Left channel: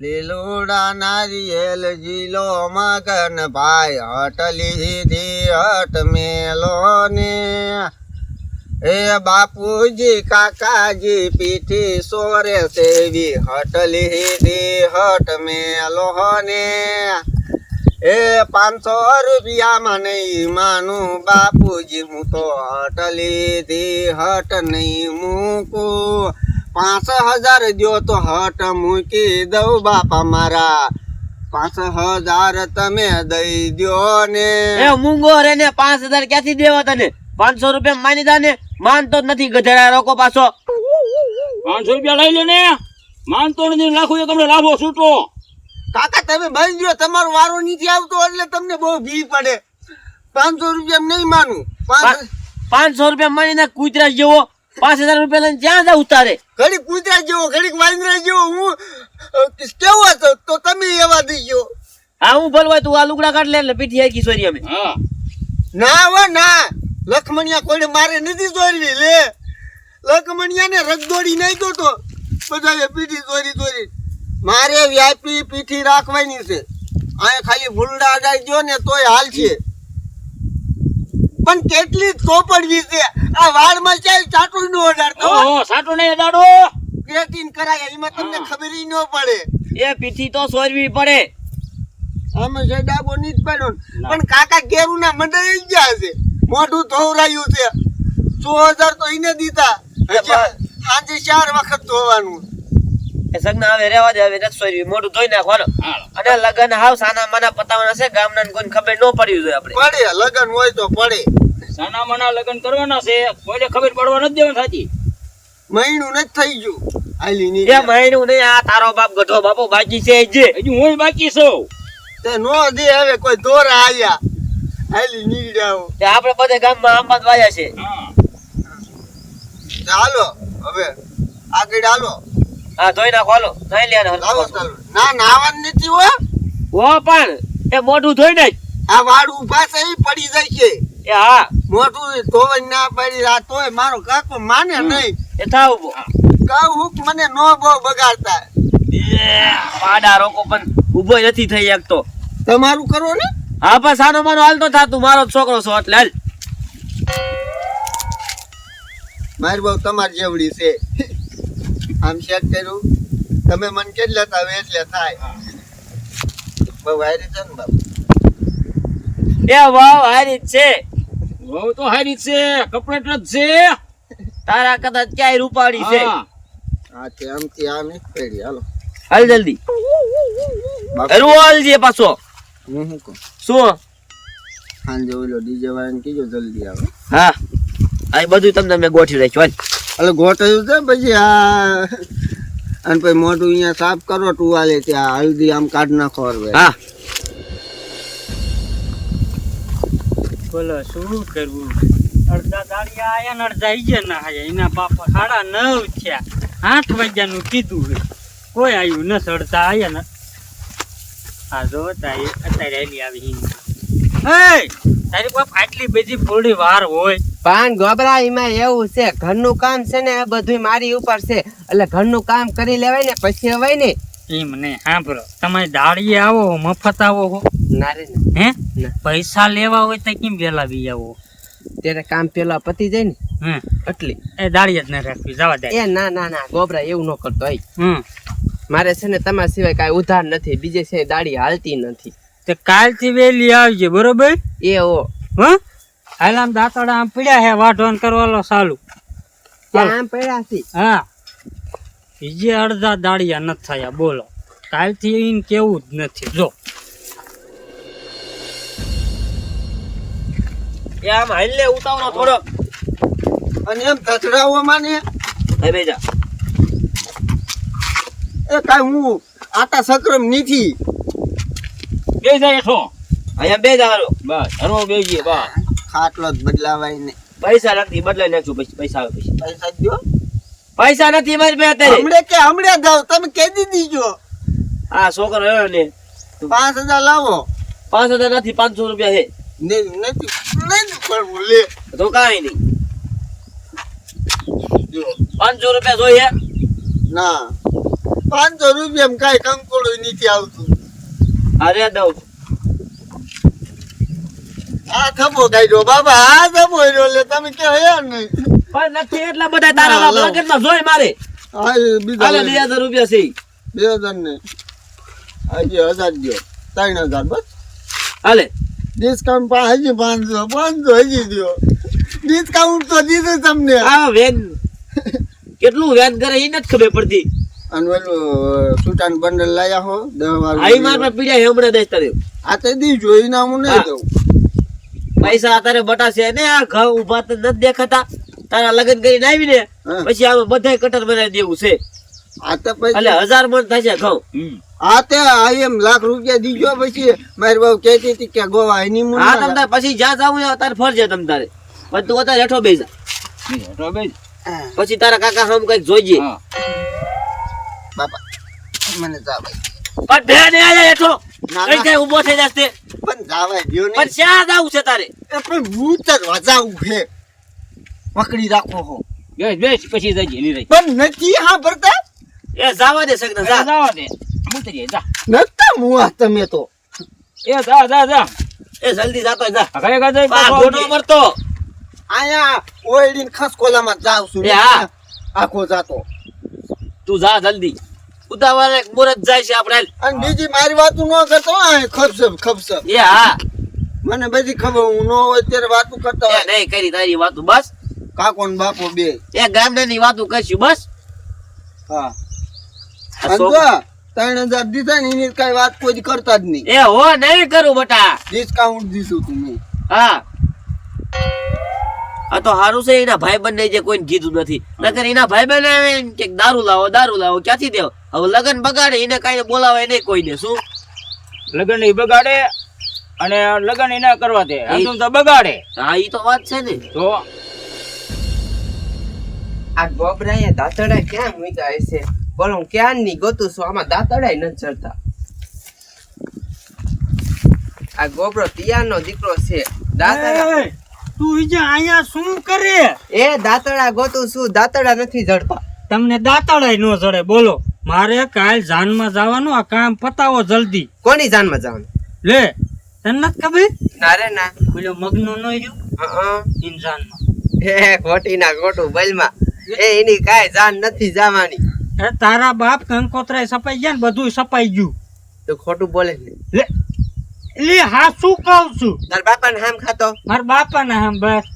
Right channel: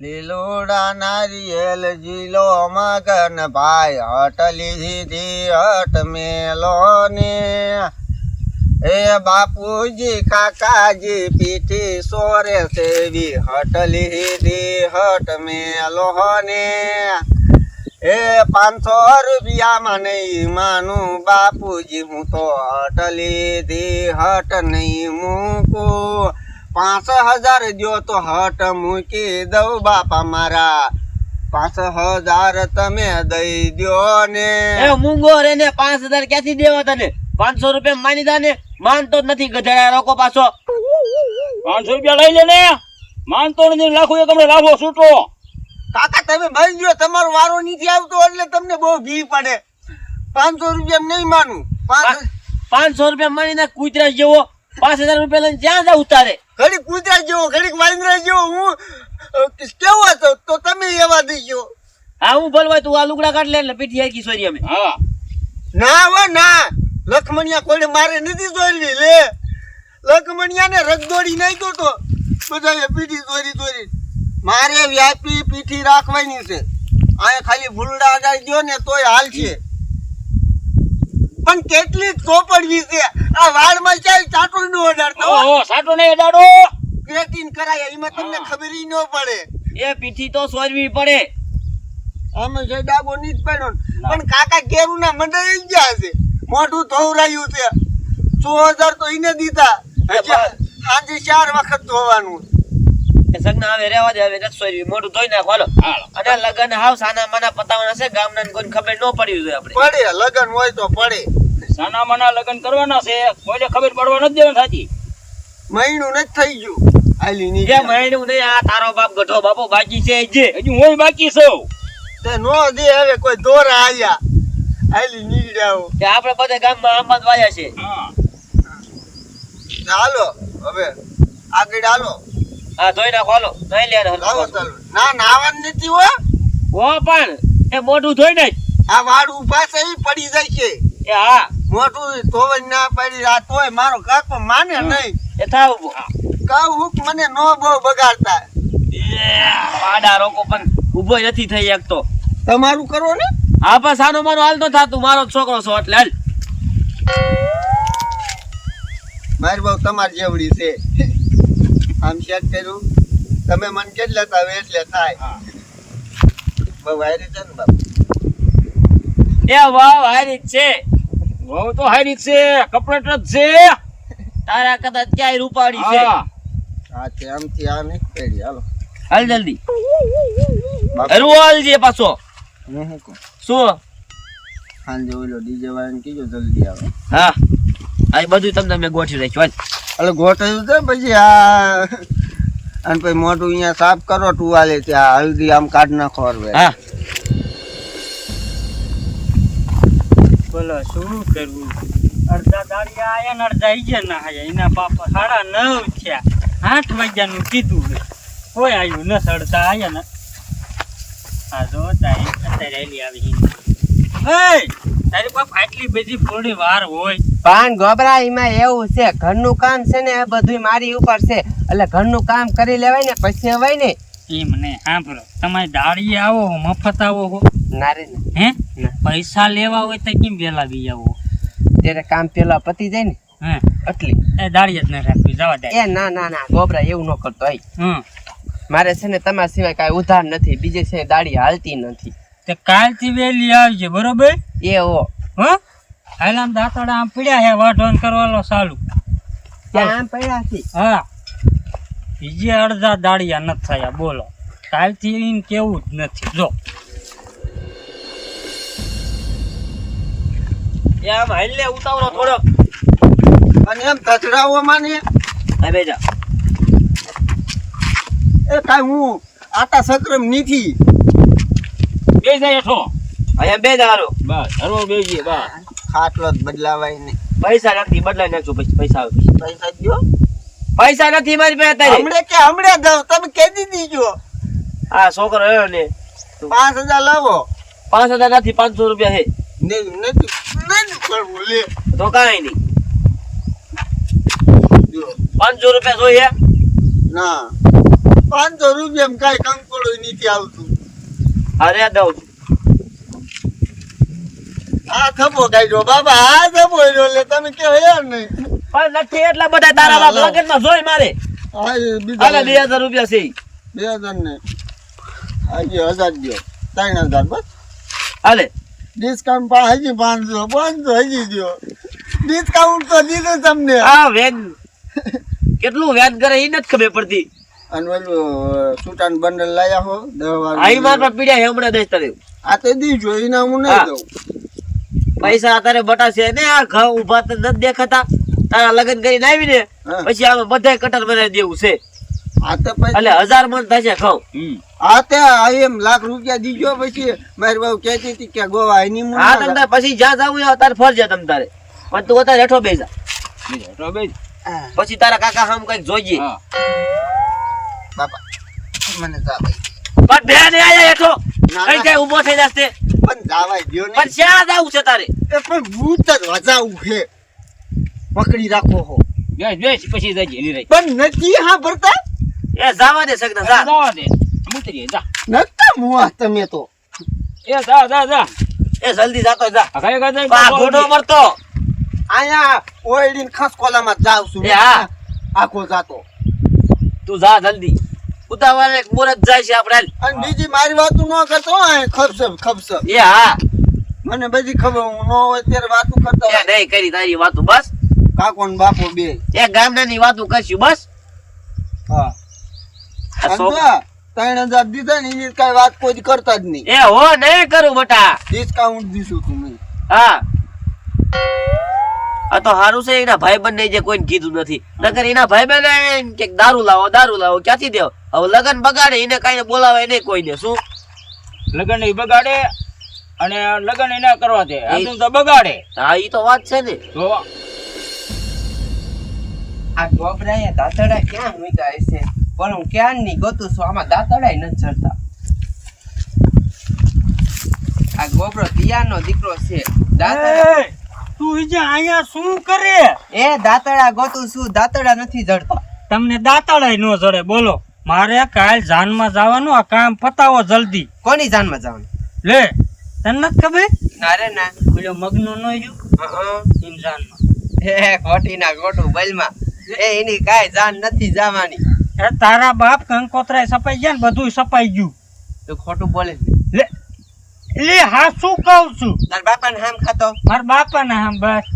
લીલુડા નારિયેલ જીલો મગન ભાઈ હટલી સીધી હટ મેલો ને એ બાપુજી કાકાજી પીઠી સોરે સેવી હટલી સીધી હટ મેલો ને એ 500 રૂપિયામાં નહીં માનું બાપુજી હું તો હટલી ધી હટ નહીં મૂકું 5000 દ્યો તો હટ મૂકી દઉં બાપા મારા 5000 તમે દઈ દ્યો ને એ મૂંગો રે ને 5000 ક્યાંથી દેવા તને 500 રૂપિયા માની દા ને માનતો જ નથી ગધેડા રોકો પાછો 500 રૂપિયા લઈ લે ને માનતો નથી લાખો એક હમણાં લાભો છૂટો કાકા તમે ભાઈ ગયો તમારો વારો નથી આવતો એટલે તમને બહુ ભી પડે 500 રૂપિયા નહીં માનું 500 રૂપિયા માની ના કૂતરા જેવો 5000 રૂપિયા લઈને જ્યાં જાવ ઉતારે ઘડીક કૂતરા જેવો ઘડીક વાંદરા જેવો હું કેવો હતો તો તમે એવા દઈ ગયો હા હું ભલવાય તું આ લુગડા કાઢ લે એટલે પીઠી આવી સોરી અમે હા ના હો ના લખમણિયા કોઈને મારે નથી દોરવી લે લખમણિયા ને રગદોડી નાખ્યો તો બધાએ પીઠી દોરી મારે વ્યાપી પીઠી રાખવાની છે આ ખાલી ભૂલડા અડાઈ ગયો ને તોય હાલ છે પણ કેટલી ચોપડવી છે આ વાળમાં ચાલ ચાટું નો અડાડતો ઓહો સાટો નહીં અડાડો ક્રેટીન કરાય એમાં તમને ખબર ઈ ન પડે એ પીઠી તો સોરવી પડે આમાં જે ડાબો ની જ પડ્યો પણ કાકા કેરું ના મંડળી ગયા છે મોઢું ધોવરાયું છે 6000 તો એને દીધા હજી સાંજે 4 વખત ધોવાનું એ સગના હવે રેવા દે હવે નથી સોરવી મોઢું ધોઈ નાખવાનો અને લગન હાવ સાના માના પતાવવાના છે ગામના કોઈને ખબર ન પડી જોઈએ આપણે પડે લગન હોય તો પડે સાના મના લગ્ન કરવાના છે કોઈને ખબર પડવા નથી દેવાની થાતી મહિનું નથી થઈ ગયું હાલી ની એ મહિનું નહીં આ તારો બાપ ગઢો બાપો બાકી છે જે હજી હું બાકી છું તે નો દે હવે કોઈ દોરા આયા હાલી નીકળ્યા તે આપણે બધે ગામમાં આંબા વાયા છે હા હાલો હવે આગળ હાલો હા ધોઈ નાખો હાલો નહીં લે લાવો ચાલો ના નાવાનું નથી હો ઓ પણ એ મોઢું ધોઈ નાખ આ વાડ ઉભા છે ઈ પડી જાય છે એ હા મોટું ધોવાઈ ના પડી આ તોય મારો કાકો માને નહીં એ થાવ ઉભો કહું હુક મને નો બહુ બગાડતા પાડા રોકો પણ ઉભો નથી થઈ શકતો તમારું કરો ને હા પણ સાનો માનો હાલતો થાતું મારો જ છોકરો છો એટલે હાલ મારી બહુ તમારી જેવડી છે આમ ચેક કર્યું તમે મને કેટલા તાવે એટલે થાય બહુ હારી છે ને બાપુ એ વાવ હારી જ છે બહુ તો હારી છે કપડેટ જ છે તારા કદાચ ક્યાંય રૂપાળી છે હા હા તે આમથી આ નહીં પડી હાલો હાલ જલ્દી બાપુ હરવો હાલજે પાછો હું શું કહું શું સાંજે ઓલો ડીજે વાળાને કીજો જલ્દી આવે હા આ બધું તમને મેં ગોઠવી રાખ્યું એટલે ગોઠવ્યું છે પછી આ અને પછી મોઢું અહીંયા સાફ કરો ટુવાલે ત્યાં હલ્દી આમ કાઢ નાખો હવે હા બોલો શું કરવું અડધા દાડિયા આયા ને અડધા ઈજે ના આયા એના બાપા 9:30 થયા 8 વાગ્યાનું કીધું છે કોઈ આવ્યું ન અડધા આયા ને આ જો તારી અત્યારે એલી આવી હે તારી બાપ આટલી બધી થોડી વાર હોય પણ ગોબરા એમાં એવું છે ઘરનું કામ છે ને આ બધું મારી ઉપર છે એટલે ઘરનું કામ કરી લેવાય ને પછી અવાય ને એમ ને સાંભળો તમે દાડીએ આવો મફત આવો હો ના રે ના. હે ના. પૈસા લેવા હોય તો કેમ વેલા બી આવો ત્યારે કામ પેલા પતી જાય ને હે એટલી એ દાડીએ જ ન રાખવી જવા દે એ ના ના ના ગોબરા એવું ન કરતો આઈ હમ મારે છે ને તમારા સિવાય કાંઈ ઉધાર નથી બીજે છે દાડી હાલતી નથી તે કાલથી વેલી આવજે બરોબર એ ઓ હો હાલ આમ દાંતડા આમ પડ્યા હે વાઢવાન કરવાનો ચાલુ ત્યાં આમ પડ્યા છે હા બીજે અડધા દાડિયા નથી થયા બોલો કાલથી ઈન કેવું જ નથી જો એ આમ હાલ લે ઉતાવળો થોડો અને એમ ધચડાવો માને હવે બેજા એ કાંઈ હું આટા સક્રમ નથી બે જાય હેઠો અહીંયા બે જારો બસ હરવો બેજીએ બસ ખાટલો જ બદલાવાય ને પૈસા નથી બદલાઈ નાખજો પછી પૈસા આવે પછી પૈસા દ્યો પૈસા નથી મારી પાસે અત્યારે હમણે જાવ તમે કહી દીજો આ છોકરો રહ્યો ને 5000 લાવો 5000 નથી 500 રૂપિયા છે નથી પડવું લે તો કાંઈ નહીં દ્યો. 500 રૂપિયા જોઈએ ના 500 રૂપિયામાં કાંઈ કંકોડો નથી આવતું. અરે દઉં આ થપ્પો કાઢ્યો બાબા, આ થપ્પો રહ્યો એટલે તમે કહો યાર નહીં. પણ નથી એટલા બધા તારા બાપ લગનમાં જોઈ મારે હા એ બીજા હાલે 2000 રૂપિયા છે 2000 ને હજી 1000 દ્યો, 3000 બસ. હાલે ડિસ્કાઉન્ટ પણ હજી 500 હજી દ્યો. ડિસ્કાઉન્ટ તો દીધું તમને. આ વેન કેટલું વેન કરે એ નથી ખબર પડતી. અને ઓલું સુટાન બંડલ લાયા હો 10 વાર. આઈ માર પીડ્યા હમણાં દેશ તારે આ તો દીજો એના હું નહીં દઉં. પૈસા તારે બટાશે ને આ ઘઉં ઉભા તો નથી દેખાતા તારા લગ્ન કરીને આવી ને હા. પછી આમાં બધાય કટર બનાવી દેવું છે આ તો પછી એટલે 1000 મણ થશે ઘઉં. આ તે આ એમ લાખ રૂપિયા દીજો પછી મારી બહુ કહેતી હતી કે ગોવા એની મું હા તમ તારે પછી જ્યાં જાવું હોય તારે ફરજિયાત તમ તારે પણ તું અત્યારે હેઠો બેસા પછી તારા કાકા હમ કઈક જોઈએ બાપા મને જાવાય પણ બે ને આયા હેઠો ના, કઈ ના. કઈ ઊભો થઈ જશે પણ જાવાય દ્યો ને. પણ ક્યાં જાવું છે તારે એ પણ ભૂત જ વજાવું છે. પકડી રાખો હો. પછી જજે નીરજ પણ નથી હા ભરતા એ જાવા દે સગના જા જવા દે મૂકી જા નતા મુઆ તમે તો. એ જા એ જલ્દી જાતો જા ઘરે ઘરે આ ઘોડો મરતો આયા ઓઈડીન ખસકોલામાં જાવ છું. એ હા. આખો જાતો. તું જા જલ્દી ઉતાવળે મુરત જાય છે આપણે અને બીજી મારી વાતું ન કરતો આ ખપસપ એ હા મને બધી ખબર હું ન હોય ત્યારે વાતું કરતા એ હોય. નહીં કરી તારી વાતું બસ કાકો ને બાપો બે. એ ગામડાની વાતું કરશું બસ હા આ અને છોકરો- જો 3000 દીધા ને એની કઈ વાત કોઈ કરતા જ નહીં. એ હો નહીં કરું બટા ડિસ્કાઉન્ટ દીધું તું મેં. હા આ તો હારું છે એના ભાઈબંધ ને જે કોઈને કીધું નથી નકર એના ભાઈબંધ આવે ને કે દારૂ લાવો ક્યાંથી દેવ હવે લગન બગાડે એને કાંઈ બોલાવે નહીં કોઈને શું લગન ઈ બગાડે અને લગન ઈ ના કરવા દે આમ તો બગાડે હા ઈ તો વાત છે ને તો આ ગોબરાએ દાંતડા ક્યાં મૂક્યા હશે? બોલો હું ક્યાં ની ગોતું છું, આમાં દાંતડાય નથી ચડતા. આ ગોબરો પિયાનો દીકરો છે. દાંતડા એ, તું ઈજે અહીંયા શું કરે એ દાંતડા ગોતું છું, દાંતડા નથી જડતા. તમને દાંતડાય નો જડે બોલો મારે કાલ જાનમાં જવાનું આ કામ પતાવો જલ્દી કોની જાનમાં જવાનું? લે તને નથી ખબર ના રે ના. પેલો મગનો નો જો ઇન જાનમાં એ ખોટી ના ખોટું બલમાં એ એની કાંઈ જાન નથી જવાની. એ તારા બાપ કંકોત્રાય સપાઈ ગયા ને બધું સપાઈ ગયું તું ખોટું બોલે છે. લે લે હા શું કહું છું તાર બાપાને હામ ખાતો મારા બાપાને આમ બસ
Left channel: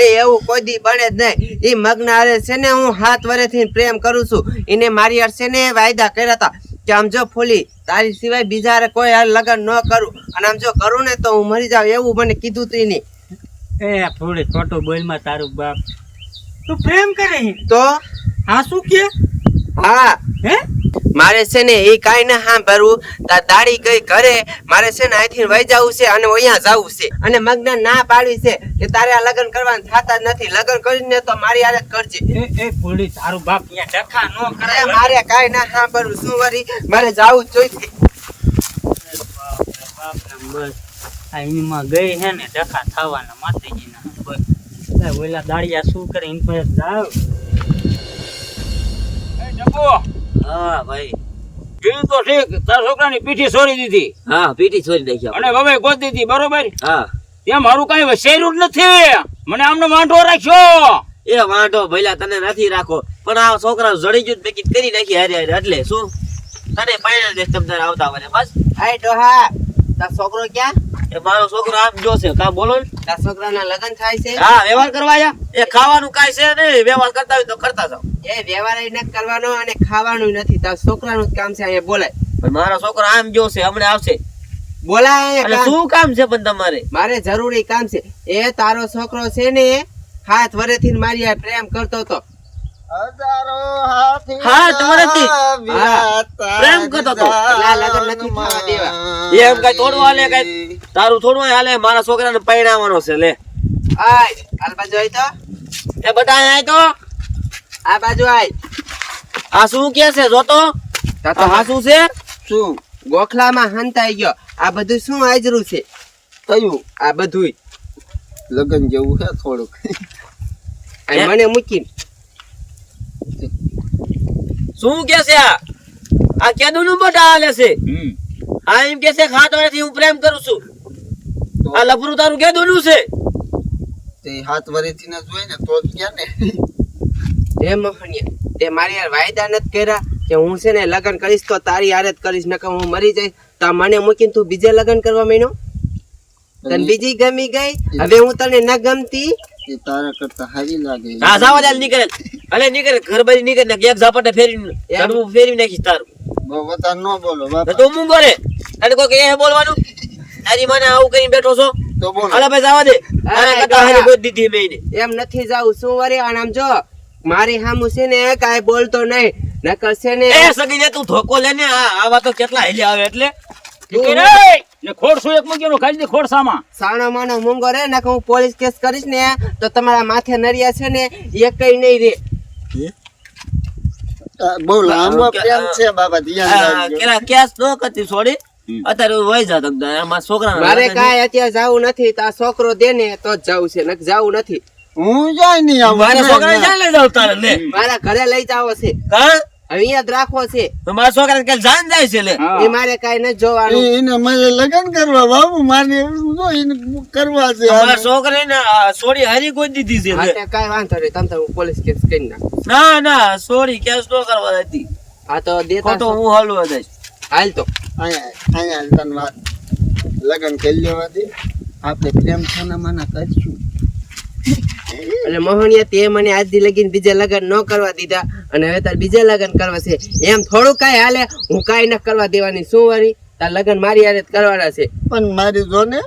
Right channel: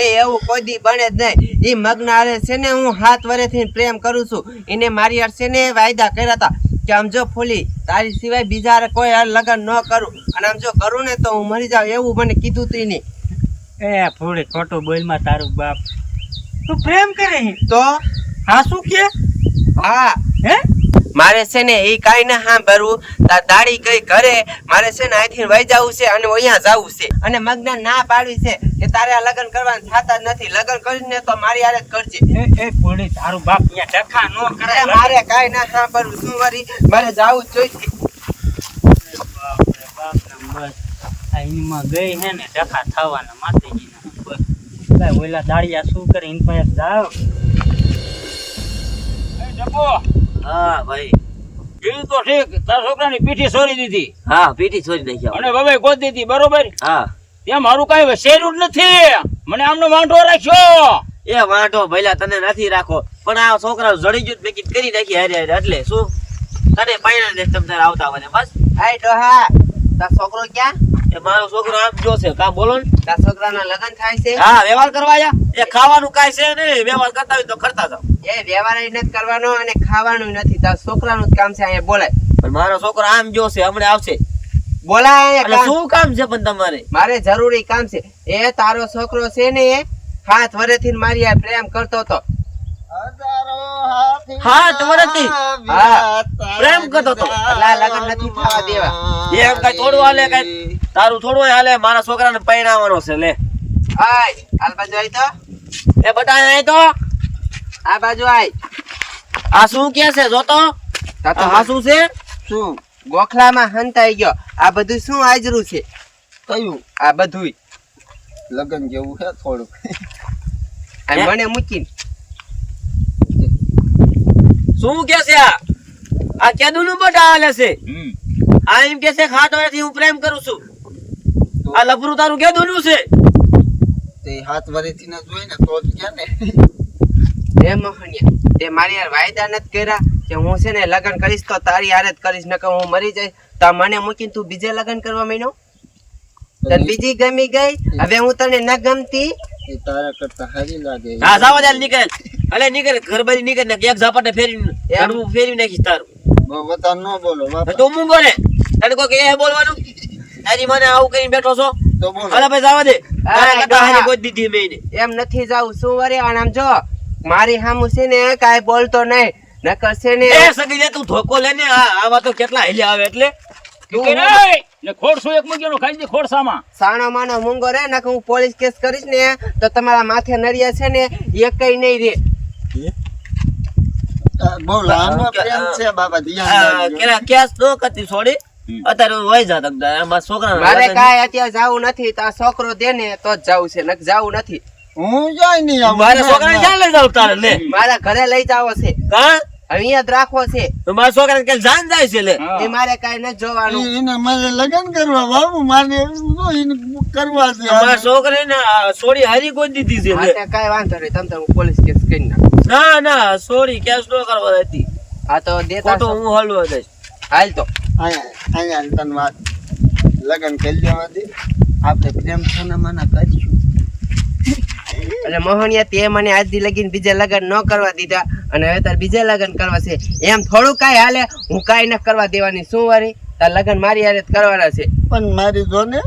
એ એવું કોઈ દી બને જ નહીં. એ મગ્ન હારે છે ને હું 7 વર્ષથી પ્રેમ કરું છું. એને મારી હારે છે ને વાયદા કર્યા હતા કે આમ જો ફૂલી તારી સિવાય બીજા હારે કોઈ હારે લગ્ન ન કરું અને આમ જો કરું ને તો હું મરી જાઉં એવું મને કીધું તું એને. એ થોડી ખોટું બોલમાં તારું બાપ તું પ્રેમ કરે છે? તો હા શું કે હા હે મારે છે ને એ કાંઈ ના સાંભળવું. તાર દાડી ગઈ ઘરે મારે છે ને અહીંથી વહી જવું છે અને અહીંયા જવું છે અને મગ્ન ના પાડવી છે કે તારે આ લગ્ન કરવાનું થતા જ નથી. લગ્ન કરીને તો મારી હારે જ કરજે. એ થોડી તારું બાપ અહીંયા ડખા નો કરે અરે મારે કાંઈ ના સાંભળવું શું વરી મારે જવું જ જોઈએ. બસ આ એમાં ગઈ હે ને ડખા થવાના માતાજીના બસ કાંઈ ઓલા દાડિયા શું કરે એની પાસે જાવ એ ડબ્બો હા ભાઈ જોયું તો ઠીક તારા છોકરાની પીઠી છોડી દીધી હા પીટી છોડી નાખ્યા અને બબાઈ ગોતી દીધી બરોબર હા ત્યાં મારું કઈ વસેરું જ નથી મને આમનો વાંઢો રાખ્યો એ વાંઢો ભઈલા તને નથી રાખો પણ આ છોકરા જડી ગયું મેં કીધું કરી નાખી હારે હારે એટલે શું તને પાયણા ને તમ તારે આવતા હોય બસ હાય ડોહા તાર છોકરો ક્યાં? એ મારો છોકરો આમ જોશે કામ બોલો ને તાર છોકરાના લગ્ન થાય છે? હા વ્યવહાર કરવા આયા એ ખાવાનું કાંઈ છે નહીં વ્યવહાર કરતા હોય તો કરતા જાવ એ વ્યવહાર નથી કરવાનો અને ખાવાનું નથી. તાર છોકરાનું જ કામ છે. અહીંયા બોલાય પણ મારો છોકરો આમ જોશે હમણાં આવશે બોલાય એટલે અહીંયા કામ. શું કામ છે પણ તમારે મારે જરૂરી કામ છે. એ તારો છોકરો છે ને 7 વર્ષથી મારી આ પ્રેમ કરતો હતો. હજારો હાથી હાથ વર્ષથી? આવ્યા પ્રેમ કરતો તો? એટલે આ લગ્ન નથી થવા દેવા. એમ કઈ થોડું હાલે કઈ તારું થોડું હાલે મારા છોકરાને પરણાવવાનો છે લે આય આ બાજુ આય તો એ બધા આય તો આ બાજુ આય. આ શું કે છે જોતો આ શું છે શું ગોખલામાં હંતાઈ ગયો. આ બધું શું હાજરું છે? કયું આ બધું લગન જેવું છે થોડુંક. અને મને મૂકીને શું કે છે આ આ કેદુનું બટા હાલે છે હમ આ એમ કે છે ખાટ વર્ષથી હું પ્રેમ કરું છું આ લફરું તારું કેદુનું છે તે 7 વર્ષથી ના જોઈ ને તો જ ક્યાં ને એ મોહનિયા તે મારી યાર વાયદા નથી કર્યા કે હું છે ને લગ્ન કરીશ તો તારી હારે જ કરીશ નકર હું મરી જઈશ તો મને મૂકીને તું બીજે લગ્ન કરવા માંડ્યો તને બીજી ગમી ગઈ હવે હું તને ન ગમતી એ તારા કરતા હારી લાગે હા જાવા દે નીકળે અલે નીકળે ઘર બારી નીકળે ને એક ઝાપટે ફેરવી ઘરનું ફેરવી નાખીશ તારું બહુ વધારે ન બોલો તો બાપા તું મૂંગો રે તને કોઈ એ બોલવાનું તારી મને આવું કરીને બેઠો છો તો બોલો અલે ભાઈ જાવા દે તારા કરતા હારી કોઈ દીધી મેં એને. એમ નથી જાવું શું વરે અને આમ જો મારી સામું છે ને કાંઈ બોલતો નહીં નકર છે ને એ સગી લે તું ધોકો લે ને આવા તો કેટલા હેલ્યા આવે એટલે તું ને ખોડ શું એક મૂક્યો ખાઈ દે ખોડ સામા સાણો માનો મૂંગો રે નકર હું પોલીસ કેસ કરીશ ને તો તમારા માથે નરિયા છે ને એકઈ નહીં રે બહુ લાંબો પ્રેમ છે બાબા ધ્યાન રાખજો કેલા કેસ નો કરતી છોડી અત્યારે વહી જા તમતા આમાં છોકરા મારે કાંઈ અત્યારે જાવું નથી તો આ છોકરો દે ને તો જ જાવું છે નક જાવું નથી હું જાય નહીં આવું મારે છોકરાને ક્યાં લઈ જાવ તારે લે મારા ઘરે લઈ જાવો છે હા હવે અહીંયા જ રાખવો છે તો મારા છોકરાને ક્યાં જાન જાય છે લે એ મારે કાંઈ નથી જોવાનું એને મારે લગ્ન કરવા બાબુ મારે એવું જો એને કરવા છે મારા છોકરાને સોરી હારી કોઈ દીધી છે લે માટે કાંઈ વાંધો નહીં તમ હું પોલીસ કેસ કરી નાખું ના ના સોરી કેસ નો કરવા હતી આ તો દેતા ખોટો હું હલવા જઈશ હાલ તો અહીંયા તને વાત લગ્ન કરી લેવા દે આપણે પ્રેમ થાના માના કરીશું એટલે મોહનિયા તે મને આજથી લગીને બીજા લગ્ન ન કરવા દીધા અને હવે તાર બીજા લગ્ન કરવા છે એમ થોડું કાંઈ હાલે હું કાંઈ ન કરવા દેવાની શું વારી તાર લગ્ન મારી હારે જ કરવાના છે પણ મારી જો ને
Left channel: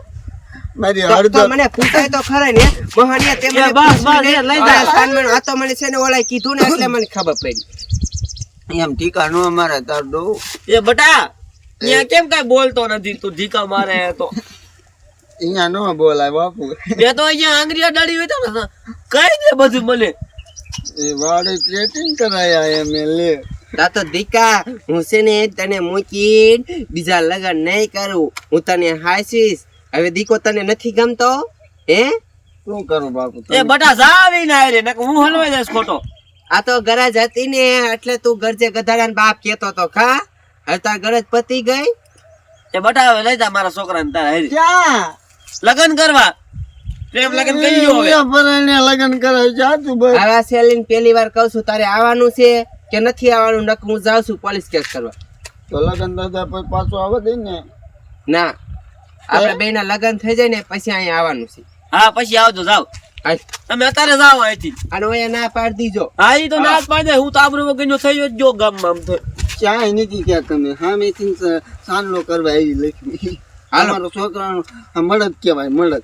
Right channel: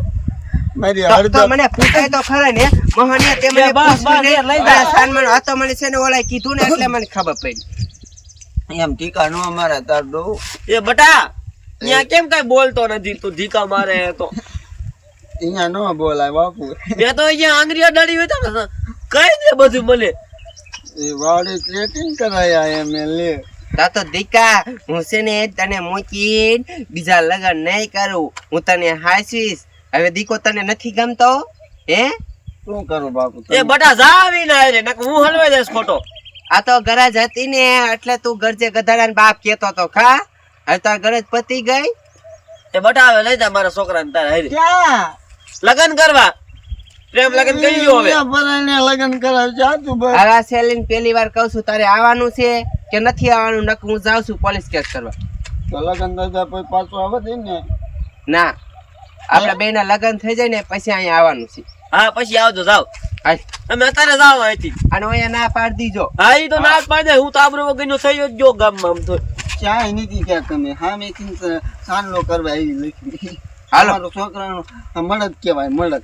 મારી તો હળદર મને પૂછાય તો ખરા ને મોહનિયા તે મને બસ, પૂછ્યું બસ, ને, લઈ જા. આ સાનમાનો આ તો મને છે ને ઓલાએ કીધું ને એટલે મને ખબર પડી એમ ઠીકા નો મારે તાર દો એ બટા અહીંયા કેમ કઈ બોલતો નથી તું ઢીકા મારે તો અહીંયા નો બોલાય બાપુ મેં તો અહીંયા આંગળીયા ડાળી હોય તો ને કઈ દે બધું મને એ વાડી પ્લેટિંગ કરાયા એમ લે તા તો દીકા હું છે ને તને મૂકીને બીજા લગ્ન નહીં કરું હું તને હાસીશ હવે દીકો તને નથી ગમતો હે શું કરું બાપુ એ બટા જાવી ના રે નક હું હલવાઈ જઈશ ખોટો આ તો ગરજ હતી ને એટલે તું ગરજે ગધાડાને બાપ કેતો તો ખા હવે તાર ગરજ પતી ગઈ એ બટા હવે લઈ જા મારા છોકરાને તારે હારી ક્યાં લગન કરવા પ્રેમ લગન કરી લ્યો હવે પરણે લગ્ન કરાવ જા તું બસ આવા સેલીન પહેલી વાર કહું છું તારે આવવાનું છે કે નથી આવવાનું નક હું જાઉં છું પોલીસ કેસ કરવા તો લગ્ન દાદા પછી પાછો આવે દે ને ના આપણે બેના લગ્ન થઈ જાય ને પછી અહીંયા આવવાનું છે હા પછી આવજો જાવ હાલ. તમે અત્યારે જાઓ અહીંથી અને અહીંયા ના પાડી દીજો હા ઈ તો ના જ પાડે હું તો આબરૂ વગરનો થયો જ જો ગામમાં આમ તો ક્યાંય નથી ક્યાં તમે સામેથી સાનલો કરવા આવી લખી હાલો. અમારો છોકરાનો આ મળદ કહેવાય મળદ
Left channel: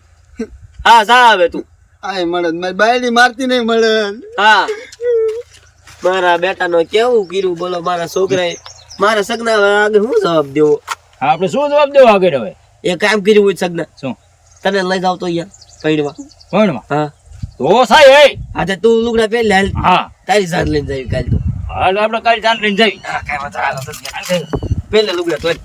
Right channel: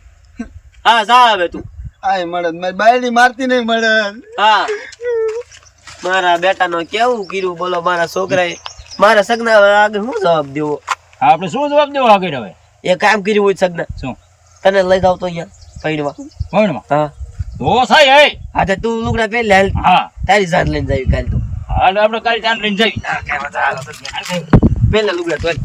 હા જા હવે તું આ મળદ મારી બાયડી મારતી નહીં મળદ હા મારા બેટાનો કેવું કર્યું બોલો મારા છોકરાએ મારા સગના આગળ શું જવાબ દેવો આપણે શું જવાબ દેવો આગળ હવે એ કામ કર્યું હોય સગના શું તને લઈ જાવ તો અહીંયા પૈણવા કોણમાં હા તો સાહેબ હે હા તો તું લુગડા પહેરી લે હાલ હા તારી જાન લઈને જાવી કાલ તો હાલ આપણે કાલે ચાંદ લઈને જઈ પહેલા લુગડા તો હાલ.